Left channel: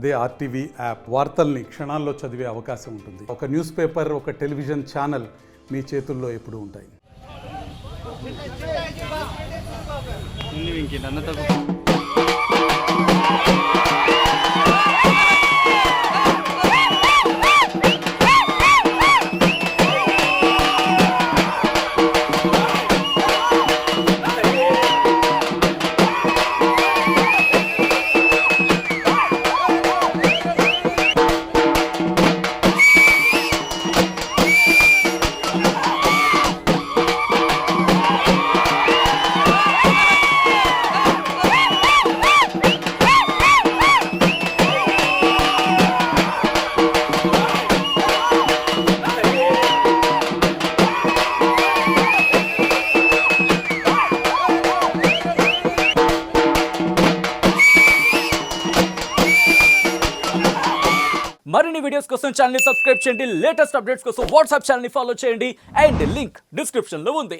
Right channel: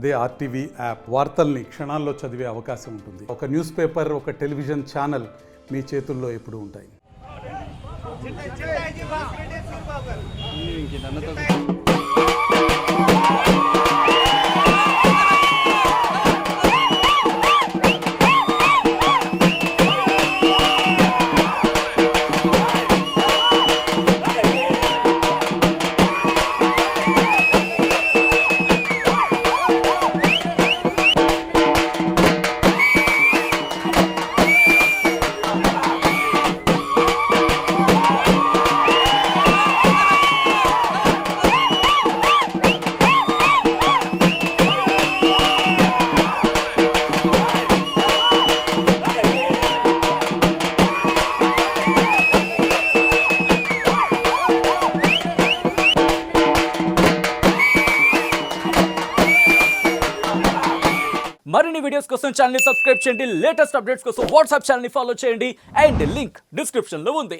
అదే RTV app వార్తల్ని క్షణాల్లో చదివే అవకాశం ఉంటుంది. ఒక న్యూస్ పేపర్, ఒక టెలివిజన్ ఛానల్ మీ చేతుల్లో ఎప్పుడూ ఉంటాయి. మరిన్ని వీడియోస్ కోసం ఛానల్ ని సబ్స్క్రైబ్ చేయండి. లేటెస్ట్ అప్డేట్స్ కోసం వాట్సాప్ ఛానల్ ని ఫాలో చేయండి. అండ్ లింక్ డిస్క్రిప్షన్ లో ఉంది.